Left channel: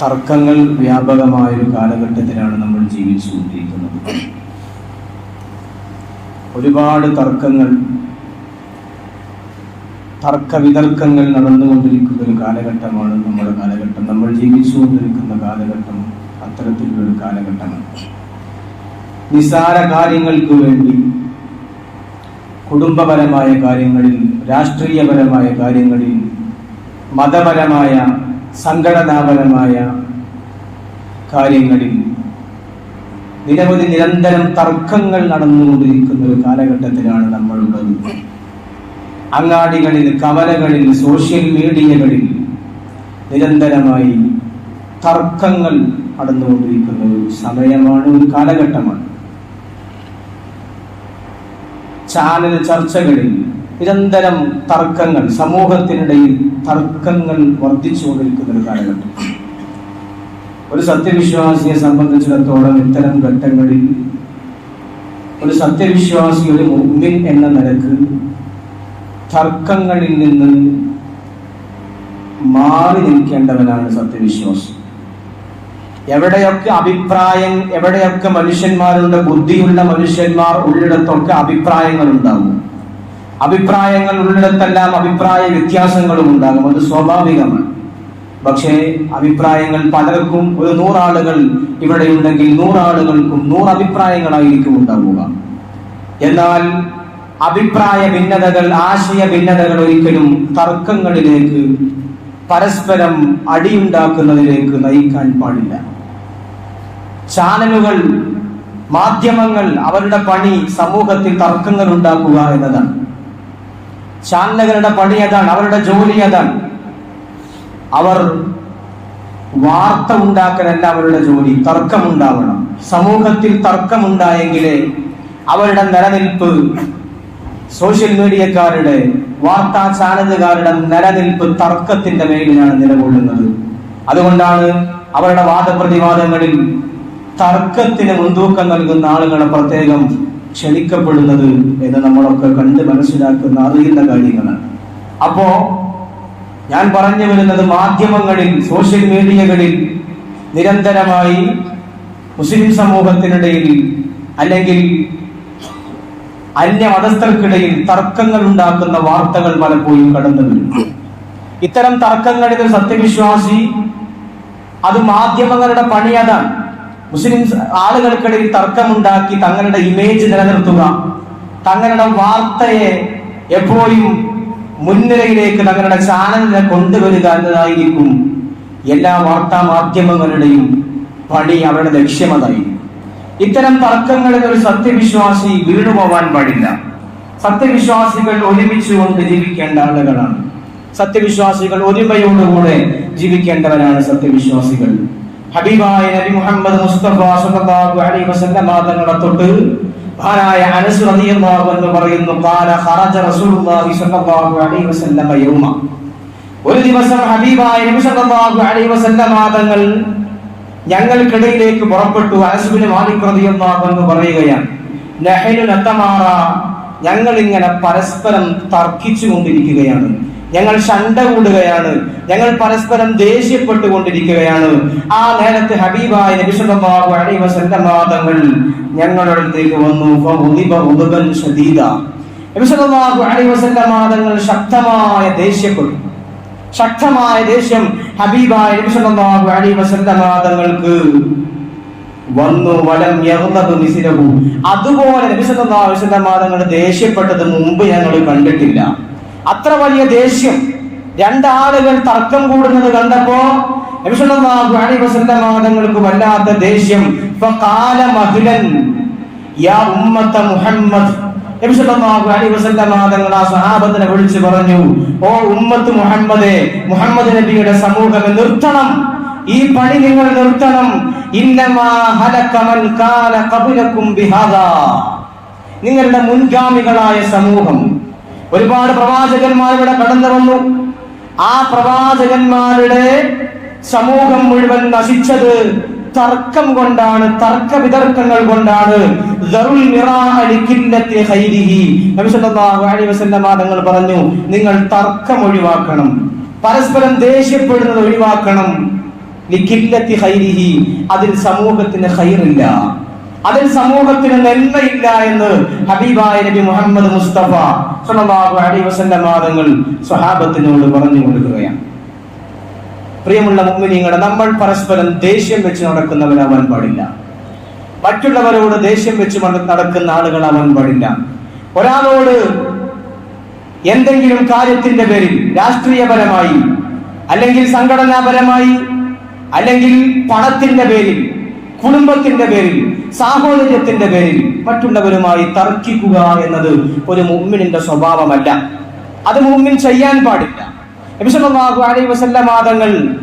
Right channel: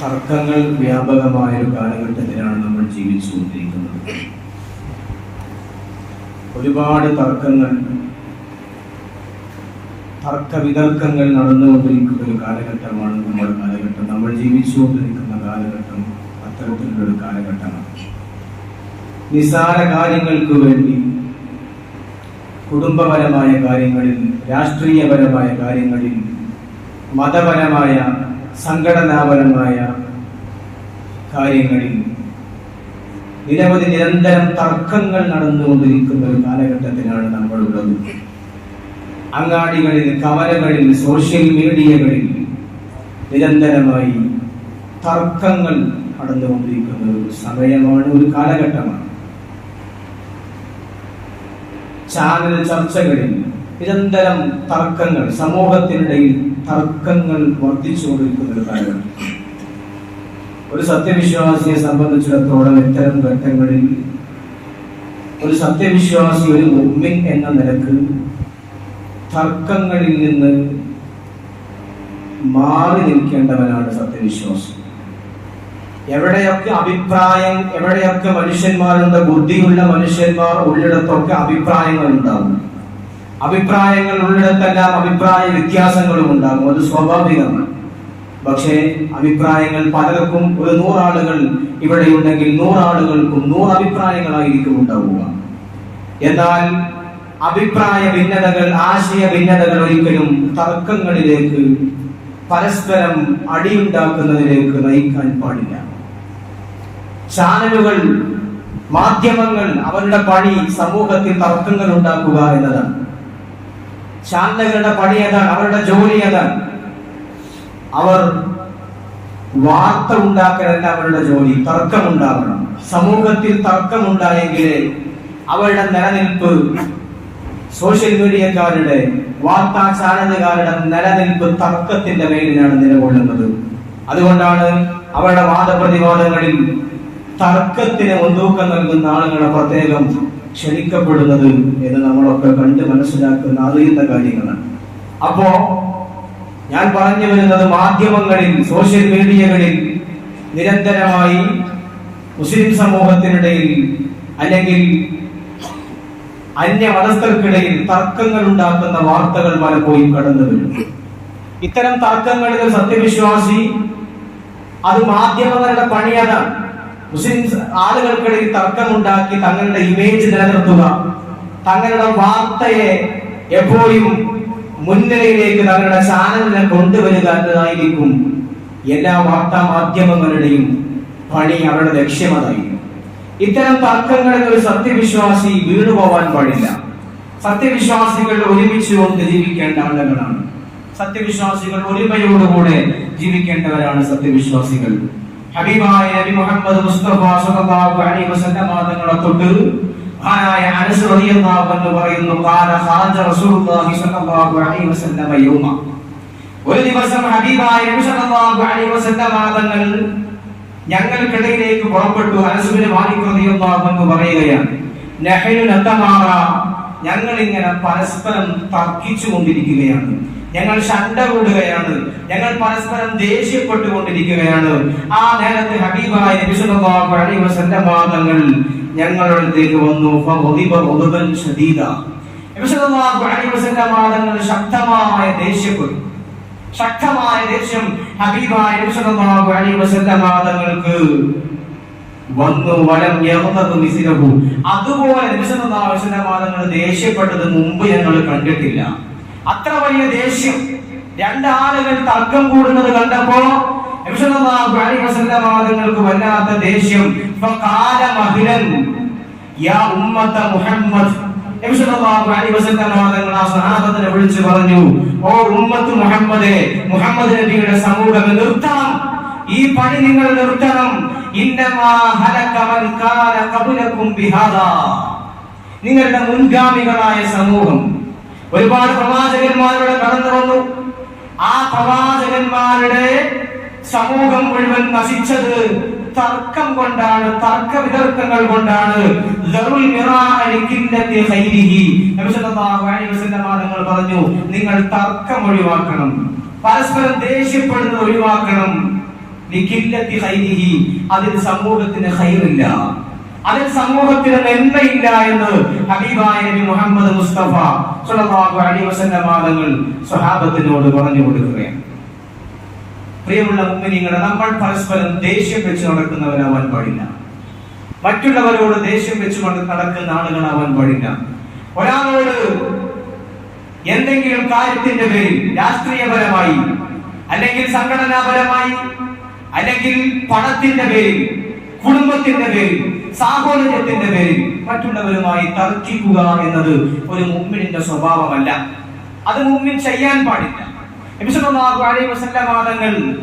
തർക്കങ്ങൾ വ്യാപകമായ ഒരു കാലഘട്ടത്തിലാണ് നമ്മൾ ജീവിച്ചുകൊണ്ടിരിക്കുന്നത്. ഒരുപാട് തർക്കങ്ങൾ തർക്ക വിതർക്കങ്ങൾ നടന്നുകൊണ്ടിരിക്കുന്ന ഒരു കാലഘട്ടമാണ് നമ്മുടെ കാലഘട്ടം. നമ്മൾ ജീവിച്ചുകൊണ്ടിരിക്കുന്ന കാലഘട്ടം അത്തരത്തിലുള്ളൊരു കാലഘട്ടമാണ്. നിസ്സാര കാര്യങ്ങൾക്ക് വേണ്ടി കുടുംബപരമായ കാര്യങ്ങളിൽ രാഷ്ട്രീയപരമായ കാര്യങ്ങളിൽ മതപരമായ സംഘടനാപരമായ കാര്യങ്ങളിൽ നിരവധി നിരന്തരം തർക്കങ്ങൾ നടന്നുകൊണ്ടിരിക്കുന്ന ഒരു കാലഘട്ടത്തിലാണ് നമ്മളുള്ളത്. അങ്ങാടികളിൽ കവലകളിൽ സോഷ്യൽ മീഡിയകളിൽ നിരന്തരമായി തർക്കങ്ങൾ നടന്നുകൊണ്ടിരിക്കുന്ന ഒരു സമയമാണ് ഒരു കാലഘട്ടമാണ്. ചാനൽ ചർച്ചകളിൽ നിരന്തരം തർക്കങ്ങൾ സമൂഹത്തിനിടയിൽ തർക്കങ്ങൾ വർദ്ധിച്ചുകൊണ്ടിരിക്കുന്ന ഒരു കാലഘട്ടം. ഒരു സത്യവിശ്വാസിയെ സംബന്ധിച്ചിടത്തോളം ഇത്തരം ഘട്ടങ്ങളിൽ ഒരു സത്യവിശ്വാസി ഒരു മുമ്പിൻ എന്ന നിലയ്ക്ക് തർക്കങ്ങളിൽ നിന്ന് മാറി നിൽക്കേണ്ടവനാണ് സത്യവിശ്വാസം. എവിടെയൊക്കെ അഭിപ്രായം എവിടെയൊക്കെ മനുഷ്യന്മാരുണ്ട് ബുദ്ധിയുള്ള മനുഷ്യന്മാർ ഉള്ളിടത്തൊക്കെ അഭിപ്രായങ്ങൾ ഉണ്ടാകും അഭിപ്രായങ്ങൾ ഉള്ളിടത്തെല്ലാം അഭിപ്രായ വ്യത്യാസങ്ങളും ഉണ്ടാകും. അത് സ്വാഭാവികമാണ് പക്ഷേ അഭിപ്രായങ്ങൾ പലർക്കും ഒരു നൂറാളുകൾ ഇവിടെ ഉണ്ടെങ്കിൽ നൂറാളുകൾക്കും നൂറ് അഭിപ്രായങ്ങളായിരിക്കും ഉണ്ടാവുക. എന്നാൽ അഭിപ്രായ ഭിന്നതകൾ ആശയ ഭിന്നതകൾ ഒരിക്കലും തർക്കങ്ങളിലേക്ക് പരസ്പരം അടിയുണ്ടാക്കുന്നതിലേക്ക് നയിക്കാൻ പാടില്ല. ചാനലുകൾ മാധ്യമങ്ങൾ അവരുടെ പണി സമൂഹത്തിൽ തർക്കങ്ങൾ ഉണ്ടാക്കുക എന്നതാണ്. ചാനലുകളുടെ പണി അതാണ് അവരുടെ ജോലി അതാണ്. അവർ വാർത്ത ഉണ്ടാക്കലല്ല അവരുടെ ജോലി തർക്കമുണ്ടാവണം. സമൂഹത്തിൽ തർക്കമുണ്ടായെങ്കിലേ അവരുടെ നിലനിൽപ്പ് സോഷ്യൽ മീഡിയക്കാരുടെ വാർത്താ ചാനലുകാരുടെ നിലനിൽപ്പ് തർക്കത്തിന്റെ മേലിലാണ് നിലകൊള്ളുന്നത്. അതുകൊണ്ടാണ് അവരുടെ വാദപ്രതിവാദങ്ങളിൽ തർക്കത്തിന് മുൻതൂക്കം നൽകുന്ന ആളുകളെ പ്രത്യേകം ക്ഷണിക്കപ്പെടുന്നത് എന്ന് നമ്മളൊക്കെ കണ്ട് മനസ്സിലാക്കുന്ന അറിയുന്ന കാര്യങ്ങളാണ്. അപ്പോ ഞാൻ പറഞ്ഞു വരുന്നത് മാധ്യമങ്ങളിൽ സോഷ്യൽ മീഡിയകളിൽ നിരന്തരമായി മുസ്ലിം സമൂഹത്തിനിടയിൽ അല്ലെങ്കിൽ അന്യ മതസ്ഥർക്കിടയിൽ തർക്കങ്ങൾ ഉണ്ടാക്കുന്ന വാർത്തകൾ പലപ്പോഴും കടന്നു വരും. ഇത്തരം തർക്കങ്ങളിൽ സത്യവിശ്വാസി അത് മാധ്യമങ്ങളുടെ പണി അതാണ്. മുസ്ലിം ആളുകൾക്കിടയിൽ തർക്കമുണ്ടാക്കി തങ്ങളുടെ ഇമേജ് നിലനിർത്തുക. തങ്ങളുടെ വാർത്തയെ എപ്പോഴും മുൻനിരയിലേക്ക് തങ്ങളുടെ ചാനലിനെ കൊണ്ടുവരിക എന്നതായിരിക്കും എല്ലാ വാർത്താ മാധ്യമങ്ങളുടെയും പണി അവരുടെ ലക്ഷ്യമതായി. ഇത്തരം തർക്കങ്ങളിൽ ഒരു സത്യവിശ്വാസി വീണുപോവാൻ പാടില്ല. സത്യവിശ്വാസികൾ ഒരുമിച്ചുകൊണ്ട് ജീവിക്കേണ്ട ആളുകളാണ്. സത്യവിശ്വാസികൾ ഒരുമയോടുകൂടെ ജീവിക്കേണ്ടവരാണ് സത്യവിശ്വാസികൾ. ഹബീബായ നബി മുഹമ്മദ് മുസ്തഫ സല്ലല്ലാഹു അലൈഹി വസല്ലം തങ്ങളെ തൊട്ട് മഹാനായ അനസ് റളിയല്ലാഹു എന്ന് പറയുന്നു ഖാല ഖറജ റസൂലുള്ളാഹി സല്ലല്ലാഹു അലൈഹി വസല്ലം യൗമ. ഒരു ദിവസം ഹബീബായ നബി സല്ലല്ലാഹു അലൈഹി വസല്ലം തങ്ങൾ ഞങ്ങൾക്കിടയിലേക്ക് പുറപ്പെട്ടു. അനസുബിന് മാലിക് റളിയല്ലാഹു എന്ന് പറയുകയാണ് നഹനു നത്തമാറ ഞങ്ങൾ ഇങ്ങനെ പരസ്പരം തർക്കിച്ചു കൊണ്ടിരിക്കുകയാണ് ഞങ്ങൾ ശണ്ട കൂടുകയാണ് ഞങ്ങൾ പരസ്പരം ദേഷ്യപ്പെട്ടുകൊണ്ടിരിക്കുകയാണ്. ആ നേരത്തെ ഹബീബായ നബി അലൈഹി വസല്ലം തങ്ങൾ ഞങ്ങളുടെ അടുത്തേക്ക് വന്നു തങ്ങൾ ശക്തമായ ദേഷ്യപ്പെട്ടു. ശക്തമായ ദേഷ്യം ഹബീബായ നബി സല്ലല്ലാഹു അലൈഹി വസല്ലം തങ്ങൾക്ക് വന്നു വലം യഹ്നബു മിസ്ലഹു അതുപോലെ നബി സല്ലല്ലാഹു അലൈഹി വസല്ലം തങ്ങൾ ദേഷ്യപ്പെട്ടത് മുമ്പ് ഞങ്ങൾ കണ്ടിട്ടില്ല. അത്ര വലിയ ദേഷ്യം. രണ്ടാളുകൾ തർക്കം കൂടുന്നത് കണ്ടപ്പോ നബി സല്ലല്ലാഹു തങ്ങൾക്ക് വല്ലാത്ത ദേഷ്യം. മുഹമ്മദ്. സഹാബത്തിനെ വിളിച്ചു പറഞ്ഞു ഓ ഉമ്മത്ത് മുഹമ്മദേ മുഹമ്മദ് നബിയുടെ സമൂഹം നിർത്തണം. ഈ പണി നിങ്ങൾ നിർത്തണം. നിങ്ങളുടെ മുൻഗാമികളായ സമൂഹം. ഒരുപാട് പ്രവാചകന്മാരുടെ കടന്നു വന്നു. ആ പ്രവാചകന്മാരുടെ സമൂഹം മുഴുവൻ നശിച്ചത് തർക്കം കൊണ്ടാണ് തർക്ക വിതർക്കങ്ങൾ കൊണ്ടാണ്. തങ്ങൾ പറഞ്ഞു നിങ്ങൾ തർക്കം ഒഴിവാക്കണം. പരസ്പരം ദേഷ്യപ്പെടുന്നത് ഒഴിവാക്കണം. അതിൽ സമൂഹത്തിന് ഖൈറില്ല. അതിൽ സമൂഹത്തിന് നന്മയില്ല എന്ന് ഹബീബായ നബി മുഹമ്മദ് മുസ്തഫ സല്ലല്ലാഹു അലൈഹി വസല്ലം തങ്ങൾ സ്വഹാബത്തിനോട് പറഞ്ഞു കൊടുക്കുകയാണ്. പ്രിയമുള്ള മുമ്മിനിങ്ങളെ നമ്മൾ പരസ്പരം ദേഷ്യം വെച്ച് നടക്കുന്നവരാവാൻ പാടില്ല. മറ്റുള്ളവരോട് ദേഷ്യം വെച്ച് നടക്കുന്ന ആളുകളാവാൻ പാടില്ല. ഒരാളോട് എന്തെങ്കിലും കാര്യത്തിന്റെ പേരിൽ രാഷ്ട്രീയപരമായി അല്ലെങ്കിൽ സംഘടനാപരമായി അല്ലെങ്കിൽ പണത്തിന്റെ പേരിൽ കുടുംബത്തിന്റെ പേരിൽ സാഹോദര്യത്തിന്റെ പേരിൽ മറ്റുള്ളവരുമായി തർക്കിക്കുക എന്നത് ഒരു മുമ്മിനിന്റെ സ്വഭാവമല്ല. അത് മുമ്മിൻ ചെയ്യാൻ പാടില്ല. വാദങ്ങൾ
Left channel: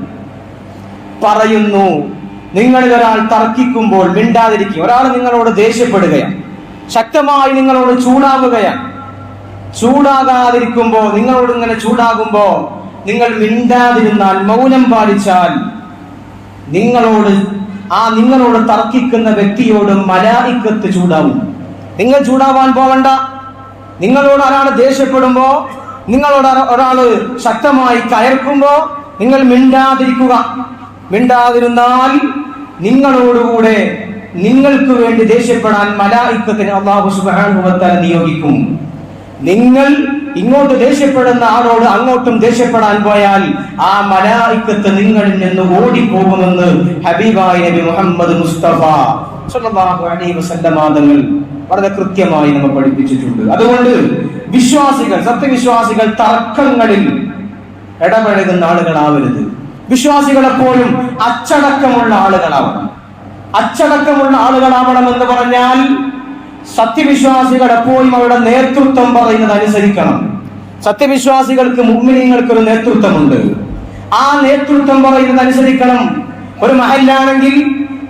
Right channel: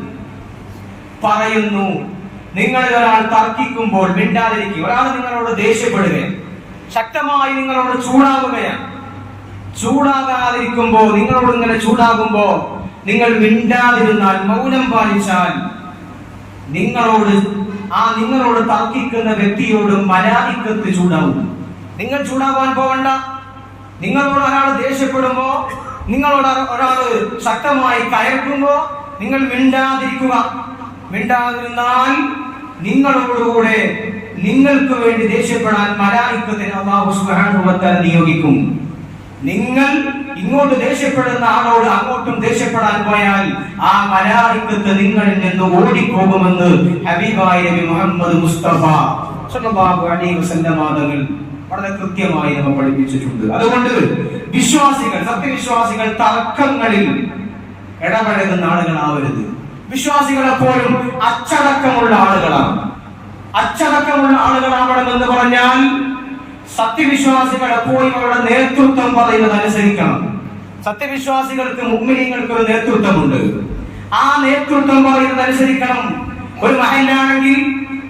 പറയുന്നു നിങ്ങളിൽ ഒരാൾ തർക്കിക്കുമ്പോൾ മിണ്ടാതിരിക്കുക. ഒരാൾ നിങ്ങളോട് ദേഷ്യപ്പെടുകയാണ്. ശക്തമായി നിങ്ങളോട് ചൂടാവുകയാണ് ചൂടാകാതിരിക്കുമ്പോൾ നിങ്ങളോട് ഇങ്ങനെ ചൂടാകുമ്പോൾ നിങ്ങൾ മിണ്ടാതിരുന്നാൽ മൗനം പാലിച്ചാൽ നിങ്ങളോട് ആ നിങ്ങളോട് തർക്കിക്കുന്ന വ്യക്തിയോട് മലായിക്കത്ത് ചൂടാവും. നിങ്ങൾ ചൂടാവാൻ പോവണ്ട. നിങ്ങളോട് ഒരാൾ ദേഷ്യപ്പെടുമ്പോ നിങ്ങളോട് ഒരാൾ ശക്തമായി കയർക്കുമ്പോ നിങ്ങൾ മിണ്ടാതിരിക്കുക. മിണ്ടാതിരുന്നാൽ നിങ്ങളോടുകൂടെ നിങ്ങൾക്ക് വേണ്ടി ദേഷ്യപ്പെടാൻ മലായിക്കത്തിന് അള്ളാഹു തആല നിയോഗിക്കും. നിങ്ങൾ ഇങ്ങോട്ട് ദേഷ്യപ്പെടുന്ന ആളോട് അങ്ങോട്ടും ദേഷ്യപ്പെടാൻ പോയാൽ ആ മലായിക്കത്ത് നിങ്ങളിൽ നിന്ന് ഓടിപ്പോകുമെന്ന് ഹബീബായ നബി മുഹമ്മദ് മുസ്തഫ സല്ലല്ലാഹു അലൈഹി വസല്ലമ തങ്ങൾ വളരെ കൃത്യമായി നമ്മൾ പഠിപ്പിച്ചിട്ടുണ്ട്. അതുകൊണ്ട് വിശ്വാസികൾ സത്യവിശ്വാസികൾ തർക്കങ്ങളിൽ ഇടപഴകുന്ന ആളുകളാവരുത്. വിശ്വാസികൾ എപ്പോഴും അച്ചടക്കമുള്ള ആളുകളാവണം. അച്ചടക്കമുള്ള ആളുകളാവണം എന്ന് പറഞ്ഞാൽ സത്യവിശ്വാസികൾ എപ്പോഴും അവരുടെ നേതൃത്വം പറയുന്നത് അനുസരിക്കണം. സത്യവിശ്വാസികൾക്ക് മുഗ്മിനീങ്ങൾക്ക് ഒരു നേതൃത്വമുണ്ട്. ആ നേതൃത്വം പറയുന്നത് അനുസരിക്കണം. ഒരു മഹലിലാണെങ്കിൽ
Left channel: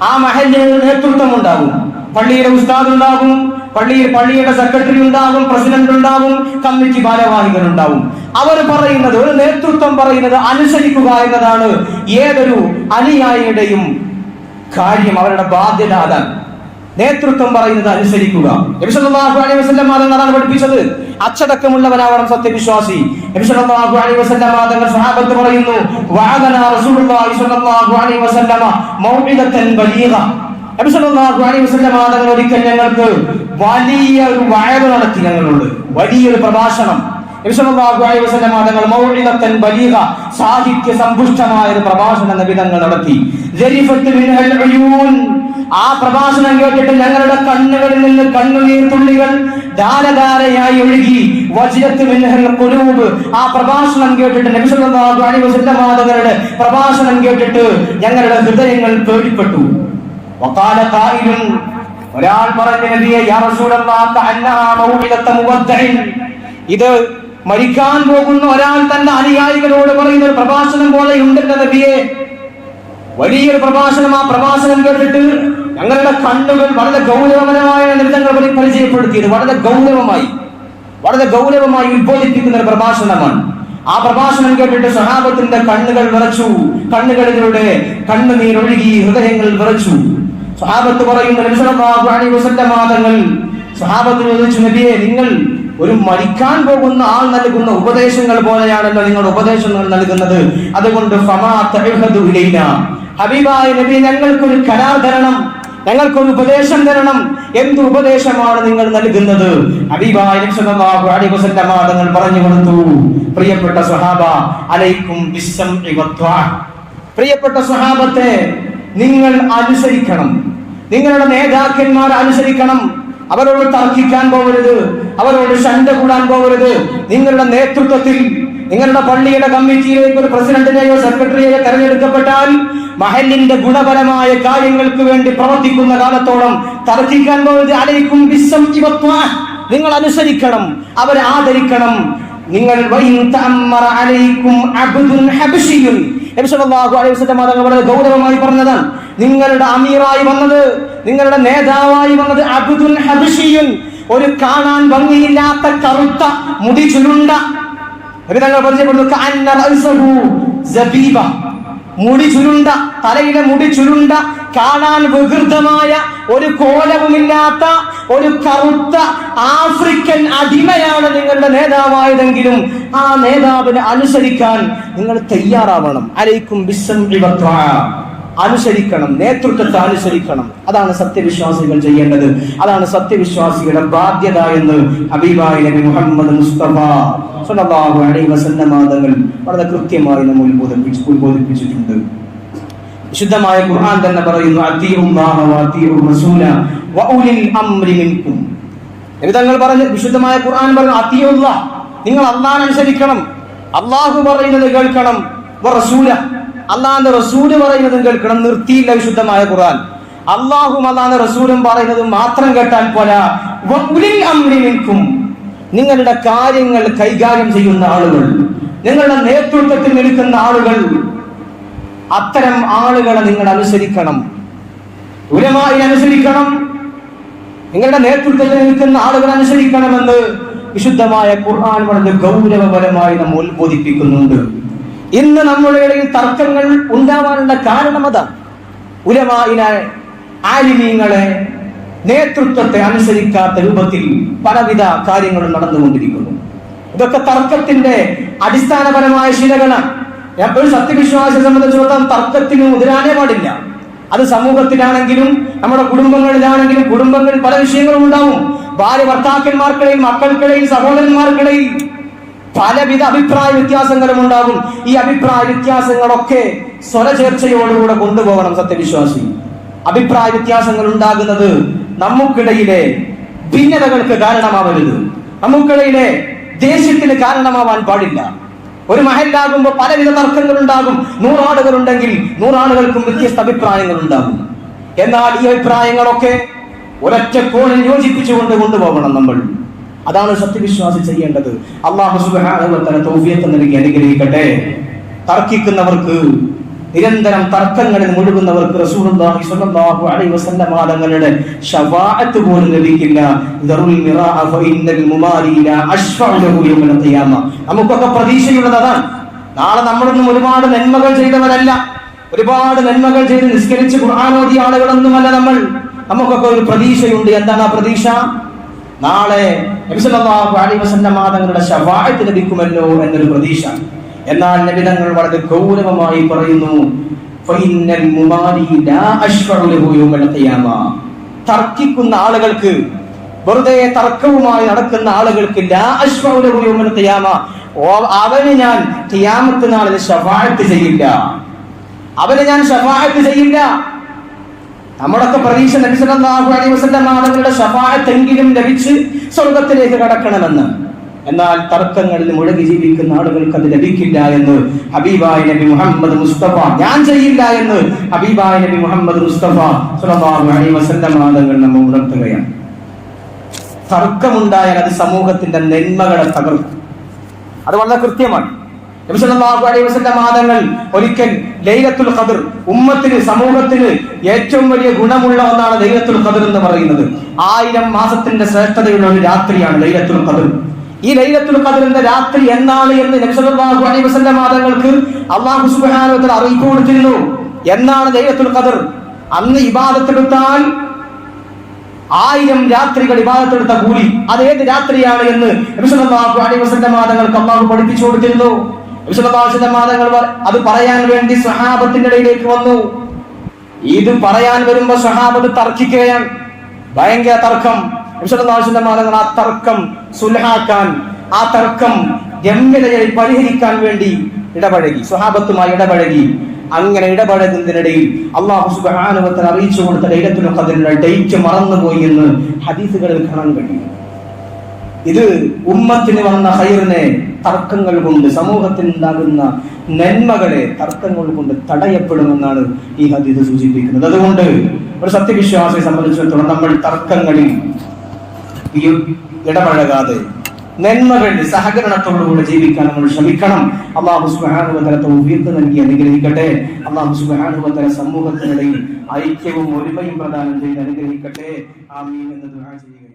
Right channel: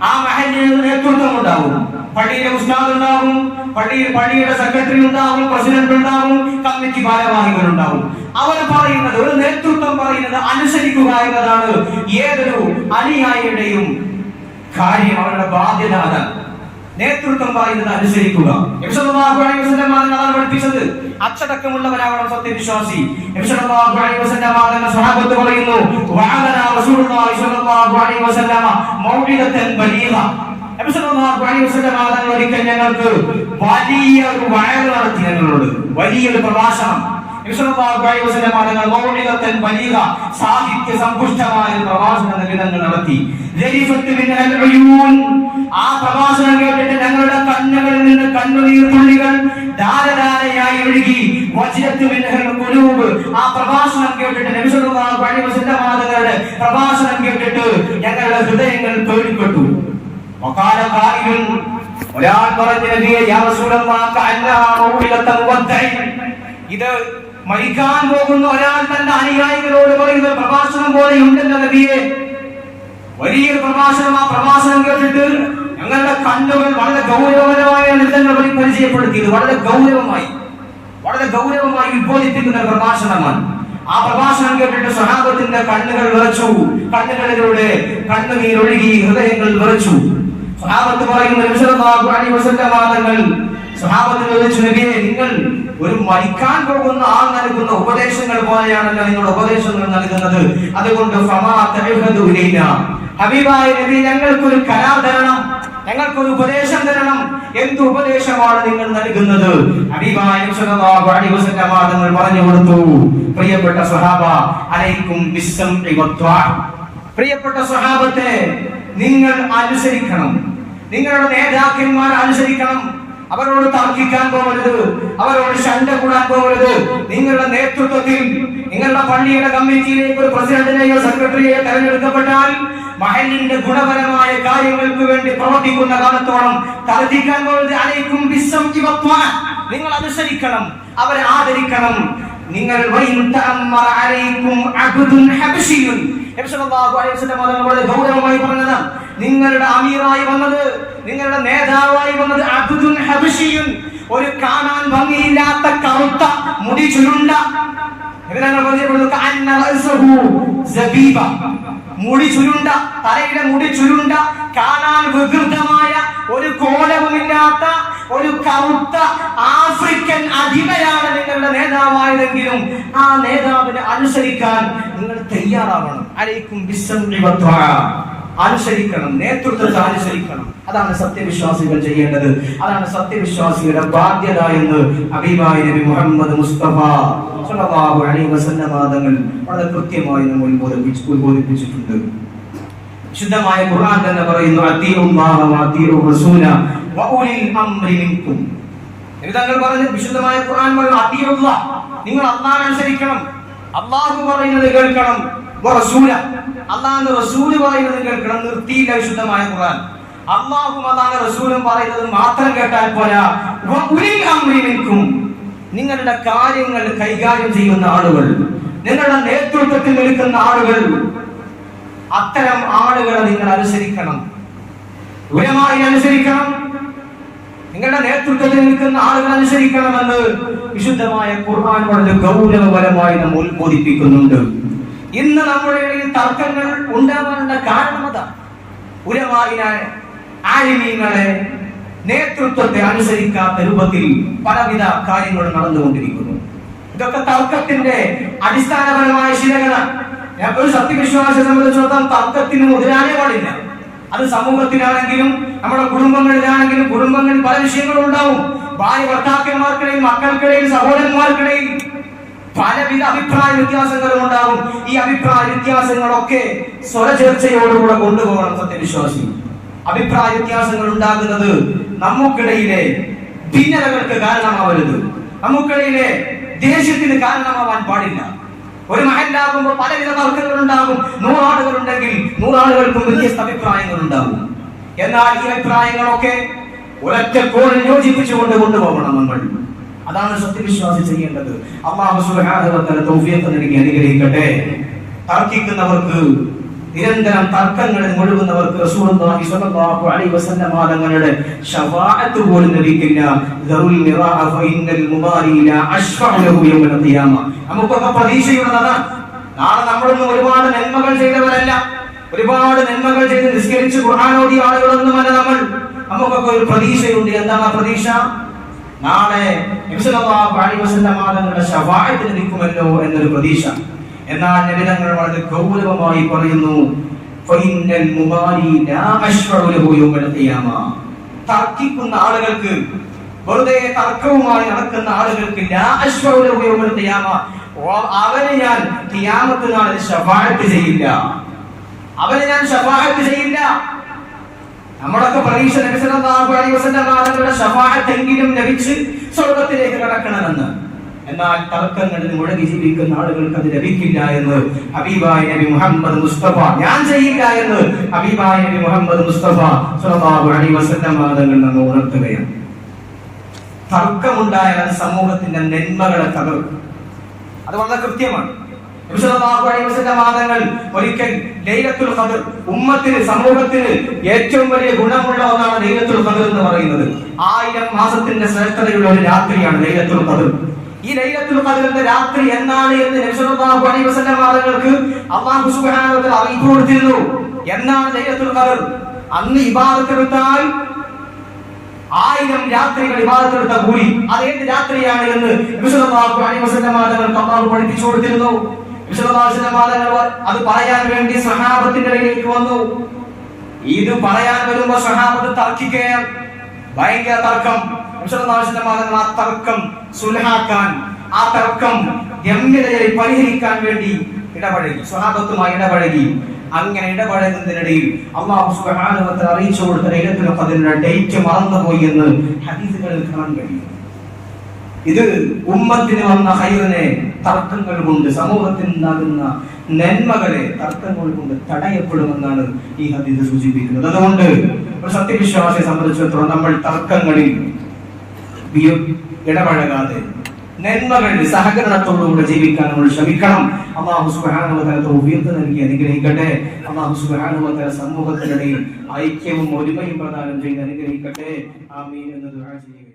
ആ മഹലിന് നേതൃത്വം ഉണ്ടാവും പള്ളിയിലെ ഉസ്താദ് ഉണ്ടാവും പള്ളിയിൽ പള്ളിയുടെ സെക്രട്ടറി ഉണ്ടാവും പ്രസിഡന്റ് ഉണ്ടാവും കമ്മിറ്റി ഭാരവാഹികൾ ഉണ്ടാവും അവർ പറയുന്നത് ഒരു നേതൃത്വം പറയുന്നത് അനുസരിക്കുക എന്നതാണ് ഏതൊരു അനുയായിയുടെയും കാര്യം അവരുടെ ബാധ്യത അതാണ്. നേതൃത്വം പറയുന്നത് അനുസരിക്കുക. അതാണ് പഠിപ്പിച്ചത്. അച്ചടക്കമുള്ളവനാവണം സത്യവിശ്വാസി. പറയുന്നു. ഒരിക്കൽ ഞങ്ങൾക്ക് വലിയ ഒരു വയറ് നടത്തി ഞങ്ങളോട്. വലിയൊരു പ്രഭാഷണം. സാഹിത്യ സമ്പുഷ്ടമായ ഒരു പ്രഭാഷണ നബി നടത്തി. ആ പ്രഭാഷണം കേട്ടിട്ട് ഞങ്ങളുടെ കണ്ണുകളിൽ നിന്ന് കണ്ണുനീർ തുള്ളികൾ ധാരധാരയായി ഒഴുകി ഖുലൂബ് ആ പ്രഭാഷണം കേട്ടിട്ട് നബി അലൈഹി വസല്ലം പ്രഭാഷണം കേട്ടിട്ട് ഞങ്ങളുടെ ഹൃദയങ്ങൾ പേടിപ്പെട്ടു. ഒരാൾ പറഞ്ഞു ഇത് മരിക്കാൻ പോകുന്ന ഒരാൾ തന്റെ അനുയായികളോട് പറയുന്ന പ്രഭാഷണം പോലെ ഉണ്ടെന്ന നബിയെ. വലിയൊരു പ്രഭാഷണം ആ പ്രഭാഷണം കേട്ടിട്ട് ഞങ്ങളുടെ കണ്ണുകൾ വളരെ ഗൗരവപരമായ നൃത്തങ്ങൾ പരിചയപ്പെടുത്തിയത് വളരെ ഗൗരവമായി വളരെ ഗൗരവമായി ഉത്ബോധിപ്പിക്കുന്ന ഒരു പ്രഭാഷണമാണ്. ആ പ്രഭാഷണം കേട്ടിട്ട് സ്വഹാബത്തിന്റെ കണ്ണുകൾ വിറച്ചു കണ്ണുകളിലൂടെ കണ്ണുനീർ ഒഴുകി ഹൃദയങ്ങൾ വിറച്ചു. സ്വഹാബത്ത് പറയുന്ന വാദങ്ങൾ സ്വഹാബത്ത് ചോദിച്ചു നബിയെ നിങ്ങൾ ഒരു മരിക്കാൻ പോകുന്ന ആൾ നൽകുന്ന ഉപദേശങ്ങൾ പോലെയാണല്ലോ നിങ്ങളുടെ ഉപദേശങ്ങൾ നൽകുന്നത്. അതുകൊണ്ട് ഹബീബായ നബി ഞങ്ങൾക്കൊരു കരാർ തരണം. ഞങ്ങൾക്കൊരു ഉപദേശം തരണം. എന്ത് ഉപദേശമാണ് നിങ്ങൾ നൽകുന്നത്? തങ്ങൾ പറഞ്ഞു കൊടുത്തു. പ്രിയപ്പെട്ട സ്വഹാബ അലൈക്കും പ്രിയപ്പെട്ട സ്വഹാബത്തെ നിങ്ങൾ അനുസരിക്കണം. നിങ്ങളുടെ നേതാക്കന്മാരെ അനുസരിക്കണം. അവരോട് തർക്കിക്കാൻ പോകരുത്. അവരോട് ശണ്ട കൂടാൻ പോകരുത്. നിങ്ങളുടെ നേതൃത്വത്തിൽ നിങ്ങളുടെ പള്ളിയുടെ കമ്മിറ്റിയിലേക്ക് ഒരു പ്രസിഡന്റിനെയോ സെക്രട്ടറിയെയോ തെരഞ്ഞെടുക്കപ്പെട്ടാൽ മഹലിന്റെ ഗുണപരമായ കാര്യങ്ങൾക്ക് വേണ്ടി പ്രവർത്തിക്കുന്ന കാലത്തോളം തർജിക്കാൻ ബിസ്സം നിങ്ങൾ അനുസരിക്കണം അവരെ ആദരിക്കണം. നിങ്ങൾ ഗൗരവമായി പറഞ്ഞതാണ് നിങ്ങളുടെ അമീറായി വന്നത് നിങ്ങളുടെ നേതാവായി വന്നത് അബുദുൻ ഹബിഷിയും. ഒരു കാണാൻ ഭംഗിയില്ലാത്ത കറുത്ത മുടി ചുരുണ്ട. സബീബ. മുടി ചുരുണ്ട. തലയിലെ മുടി ചുരുണ്ട കാണാൻ വികൃതമായ ഒരു കോലവുമില്ലാത്ത ഒരു കറുത്ത ആഫ്രിക്കൻ അടിമയാണ് നിങ്ങളുടെ നേതാവായതെങ്കിലും ആ നേതാവിനെ അനുസരിക്കാൻ നിങ്ങൾ തയ്യാറാവണം. അലൈക്കും അനുസരിക്കണം നേതൃത്വത്തെ അനുസരിക്കണം. അതാണ് സത്യവിശ്വാസികൾ ചെയ്യേണ്ടത്. അതാണ് സത്യവിശ്വാസികളുടെ ബാധ്യത എന്ന് ഹബീബായ നബി മുഹമ്മദ് മുസ്തഫ സല്ലല്ലാഹു അലൈഹി തങ്ങൾ വളരെ കൃത്യമായി നമ്മൾ ഉത്ബോധിപ്പിച്ചു ഉത്ബോധിപ്പിച്ചിട്ടുണ്ട്. വിശുദ്ധമായ ഖുർആൻ തന്നെ പറയുന്നു തങ്ങൾ പറഞ്ഞു വിശുദ്ധമായ ഖുർആൻ പറഞ്ഞു അത്തീഉല്ലാഹ് നിങ്ങൾ അള്ളാഹനെ അനുസരിക്കണം. അല്ലാഹു പറയുന്നത് കേൾക്കണം. അള്ളാഹ് റസൂൽ പറയുന്നത് കേൾക്കണം. നിർത്തിയില്ല വിശുദ്ധമായ ഖുർആൻ. അള്ളാഹും അതാണ് റസൂലും പറയുന്നത് മാത്രം കേട്ടാൽ പോരാ. നിങ്ങളുടെ കാര്യങ്ങൾ കൈകാര്യം ചെയ്യുന്ന ആളുകൾ നിങ്ങളുടെ നേതൃത്വത്തിൽ നിൽക്കുന്ന ആളുകൾ അത്തരം ആളുകളെ നിങ്ങൾ അനുസരിക്കണം. ഉരമായി അനുസരിക്കണം. നിങ്ങളുടെ നേതൃത്വത്തിൽ നിൽക്കുന്ന ആളുകൾ അനുസരിക്കണമെന്ന് വിശുദ്ധമായ ഖുർആൻ വളരെ ഗൗരവപരമായി നമ്മൾ ഉത്ബോധിപ്പിക്കുന്നുണ്ട്. ഇന്ന് നമ്മുടെ ഇടയിൽ തർക്കങ്ങൾ ഉണ്ടാവാനുള്ള കാരണം അതാണ് ഉലമായിനെ ആലിമീങ്ങളെ നേതൃത്വത്തെ അനുസരിക്കാത്ത രൂപത്തിൽ പലവിധ കാര്യങ്ങളും നടന്നുകൊണ്ടിരിക്കുന്നു. ഇതൊക്കെ തർക്കത്തിന്റെ അടിസ്ഥാനപരമായ ശീലകളാണ്. ഞാൻ ഒരു സത്യവിശ്വാസിയെ സംബന്ധിച്ചിടത്തോളം തർക്കത്തിന് മുതിരാനേ പാടില്ല. അത് സമൂഹത്തിലാണെങ്കിലും നമ്മുടെ കുടുംബങ്ങളിലാണെങ്കിലും കുടുംബങ്ങളിൽ പല വിഷയങ്ങളും ഉണ്ടാവും. ഭാര്യ ഭർത്താക്കന്മാർക്കിടയിൽ മക്കൾക്കിടയിൽ സഹോദരന്മാർക്കിടയിൽ പലവിധ അഭിപ്രായ വ്യത്യാസങ്ങളും ഉണ്ടാകും. ഈ അഭിപ്രായ വ്യത്യാസങ്ങളൊക്കെ സ്വരചേർച്ചയോടുകൂടെ കൊണ്ടുപോകണം സത്യവിശ്വാസി. അഭിപ്രായ വ്യത്യാസങ്ങൾ ഉണ്ടാകുന്നത് നമുക്കിടയിലെ ഭിന്നതകൾക്ക് കാരണമാവരുത്. നമുക്കിടയിലെ ദേഷ്യത്തിന് കാരണമാവാൻ പാടില്ല. ഒരു മഹലാകുമ്പോൾ പലവിധ തർക്കങ്ങളുണ്ടാകും. നൂറാളുകൾ ഉണ്ടെങ്കിൽ നൂറാളുകൾക്കും വ്യത്യസ്ത അഭിപ്രായങ്ങൾ ഉണ്ടാകും എന്നാൽ ഈ അഭിപ്രായങ്ങളൊക്കെ ഒരൊറ്റ കോണിൽ യോജിപ്പിച്ചുകൊണ്ട് കൊണ്ടുപോകണം നമ്മൾ. അതാണ് സത്യവിശ്വാസി ചെയ്യേണ്ടത്. അള്ളാഹു തആല തൗഫീഖ് നൽകി അനുഗ്രഹിക്കട്ടെ. തർക്കിക്കുന്നവർക്ക് നിരന്തരം തർക്കങ്ങളിൽ മുഴുകുന്നവർക്ക് റസൂലുള്ളാഹി സ്വല്ലല്ലാഹു അലൈഹി വസല്ലം തങ്ങളുടെ ശഫാഅത്ത് പോലും ലഭിക്കില്ല. ദറുൽ മിറാഅ ഫഇന്നൽ മുമാരി ലാ ഖിയാമ. നമുക്കൊക്കെ പ്രതീക്ഷയുള്ളത് അതാണ്. നാളെ നമ്മളൊന്നും ഒരുപാട് നന്മകൾ ചെയ്തവരല്ല. ഒരുപാട് നന്മകൾ ചെയ്ത് നിസ്കരിച്ച് ഓതിയ ആളുകളൊന്നുമല്ല നമ്മൾ. നമുക്കൊക്കെ ഒരു പ്രതീക്ഷയുണ്ട്. എന്താണ് ആ പ്രതീക്ഷ? നാളെ നബി സല്ലല്ലാഹു അലൈഹി വസല്ലം തങ്ങളുടെ ശഫാഅത്ത് ലഭിക്കുമല്ലോ എന്നൊരു പ്രതീക്ഷ. എന്നാൽ നബിതങ്ങൾ വളരെ ഗൗരവമായി പറയുന്നു തർക്കിക്കുന്ന ആളുകൾക്ക് വെറുതെ തർക്കവുമായി നടക്കുന്ന ആളുകൾക്ക് അവന് ഞാൻ ഖിയാമത്ത് നാളിൽ ചെയ്യില്ല. അവന് ഞാൻ ശഫാഅത്ത് ചെയ്യില്ല. നമ്മളൊക്കെ പ്രതീക്ഷ നബി സല്ലല്ലാഹു അലൈഹി ശഫാഅത്ത് എങ്കിലും ലഭിച്ച് സ്വർഗത്തിലേക്ക് കടക്കണമെന്ന്. എന്നാൽ തർക്കങ്ങളിൽ മുഴങ്ങി ജീവിക്കുന്ന ആളുകൾക്ക് അത് ലഭിക്കില്ല എന്ന് ഹബീബായ നബി മുഹമ്മദ് മുസ്തഫ. ഞാൻ ചെയ്യില്ല എന്ന് ഹബീബായ നബി മുഹമ്മദ് മുസ്തഫ സ്വല്ലല്ലാഹു അലൈഹി വസല്ലം തങ്ങൾ നമ്മെ ഉണർത്തുകയാണ്. തർക്കമുണ്ടായാൽ അത് സമൂഹത്തിന്റെ നന്മകളെ തകർക്കും. അത് വളരെ കൃത്യമാണ്. മാതങ്ങൾ ഒരിക്കൽ ലൈലത്തുൽ ഖദർ ഉമ്മത്തിന് സമൂഹത്തിന് ഏറ്റവും വലിയ ഗുണമുള്ള ഒന്നാണ് ലൈലത്തുൽ ഖദർ എന്ന് പറയുന്നത്. ആയിരം മാസത്തിന്റെ ശ്രേഷ്ഠതയുള്ള ഒരു രാത്രിയാണ് ലൈലത്തുൽ ഖദർ. ഈ ലൈലത്തുൽ ഖദറിന്റെ രാത്രി എന്നാണ് എന്ന് നബി സല്ലല്ലാഹു അലൈഹി വസല്ലം മാതങ്ങൾക്ക് അല്ലാഹു സുബ്ഹാനഹു വ തആല അറിയിപ്പ് കൊടുത്തിരുന്നു. എന്നാണ് ലൈലത്തുൽ ഖദർ? അന്ന് ഇബാദത്ത് ഇബാദത്തെടുത്താൽ ആയിരം രാത്രികൾ ഇബാദത്തെടുത്ത കൂലി. അത് ഏത് രാത്രിയാണ് എന്ന് നബി സല്ലല്ലാഹു അലൈഹി വസല്ലം മാതങ്ങൾക്ക് അല്ലാഹു പഠിപ്പിച്ചു കൊടുത്തിരുന്നു. നബി സല്ലല്ലാഹു അലൈഹി വസല്ലം മാതങ്ങൾ അത് പറയാൻ വേണ്ടി സഹാബത്തിന്റെ ഇടയിലേക്ക് വന്നു. ഇത് പറയാൻ വരുമ്പോ സഹാബത്ത് തർക്കിക്കുകയാണ്. ഭയങ്കര തർക്കം. സല്ലല്ലാഹു മാതങ്ങൾ ആ തർക്കം സുൽഹാക്കാൻ ആ തർക്കം ഗംഭീരതയിൽ പരിഹരിക്കാൻ വേണ്ടി ഇടപഴകി സ്വഹാബത്തുമായി ഇടപഴകി. അങ്ങനെ ഇടപഴകുന്നതിനിടയിൽ അള്ളാഹു തആല അറിയിച്ചു കൊടുത്ത ലൈലത്തുൽ ഖദറിന്റെ ഡേറ്റ് മറന്നുപോയി എന്ന് ഹദീസുകളിൽ കാണാൻ കഴിയും. ഇത് ഉമ്മത്തിന് വന്ന ഹൈറിനെ തർക്കങ്ങൾ കൊണ്ട് സമൂഹത്തിൽ ഉണ്ടാകുന്ന നന്മകളെ തർക്കങ്ങൾ കൊണ്ട് തടയപ്പെടുമെന്നാണ് ഈ ഹദീസ് സൂചിപ്പിക്കുന്നത്. അതുകൊണ്ട് ഒരു സത്യവിശ്വാസിയെ സംബന്ധിച്ചിടത്തോളം നമ്മൾ തർക്കങ്ങളിൽ ഇടപഴകാതെ നന്മകൾ സഹകരണത്തോടുകൂടെ ജീവിക്കാൻ നമ്മൾ ശ്രമിക്കണം. അള്ളാഹു തആല തൗഫീഖ് നൽകി അനുഗ്രഹിക്കട്ടെ. അള്ളാഹു തആല സമൂഹത്തിനിടയിൽ ഐക്യവും ഒരുമയും പ്രദാനം ചെയ്ത് അനുഗ്രഹിക്കട്ടെ. ആമീൻ എന്ന് ദുആ ചെയ്യുക.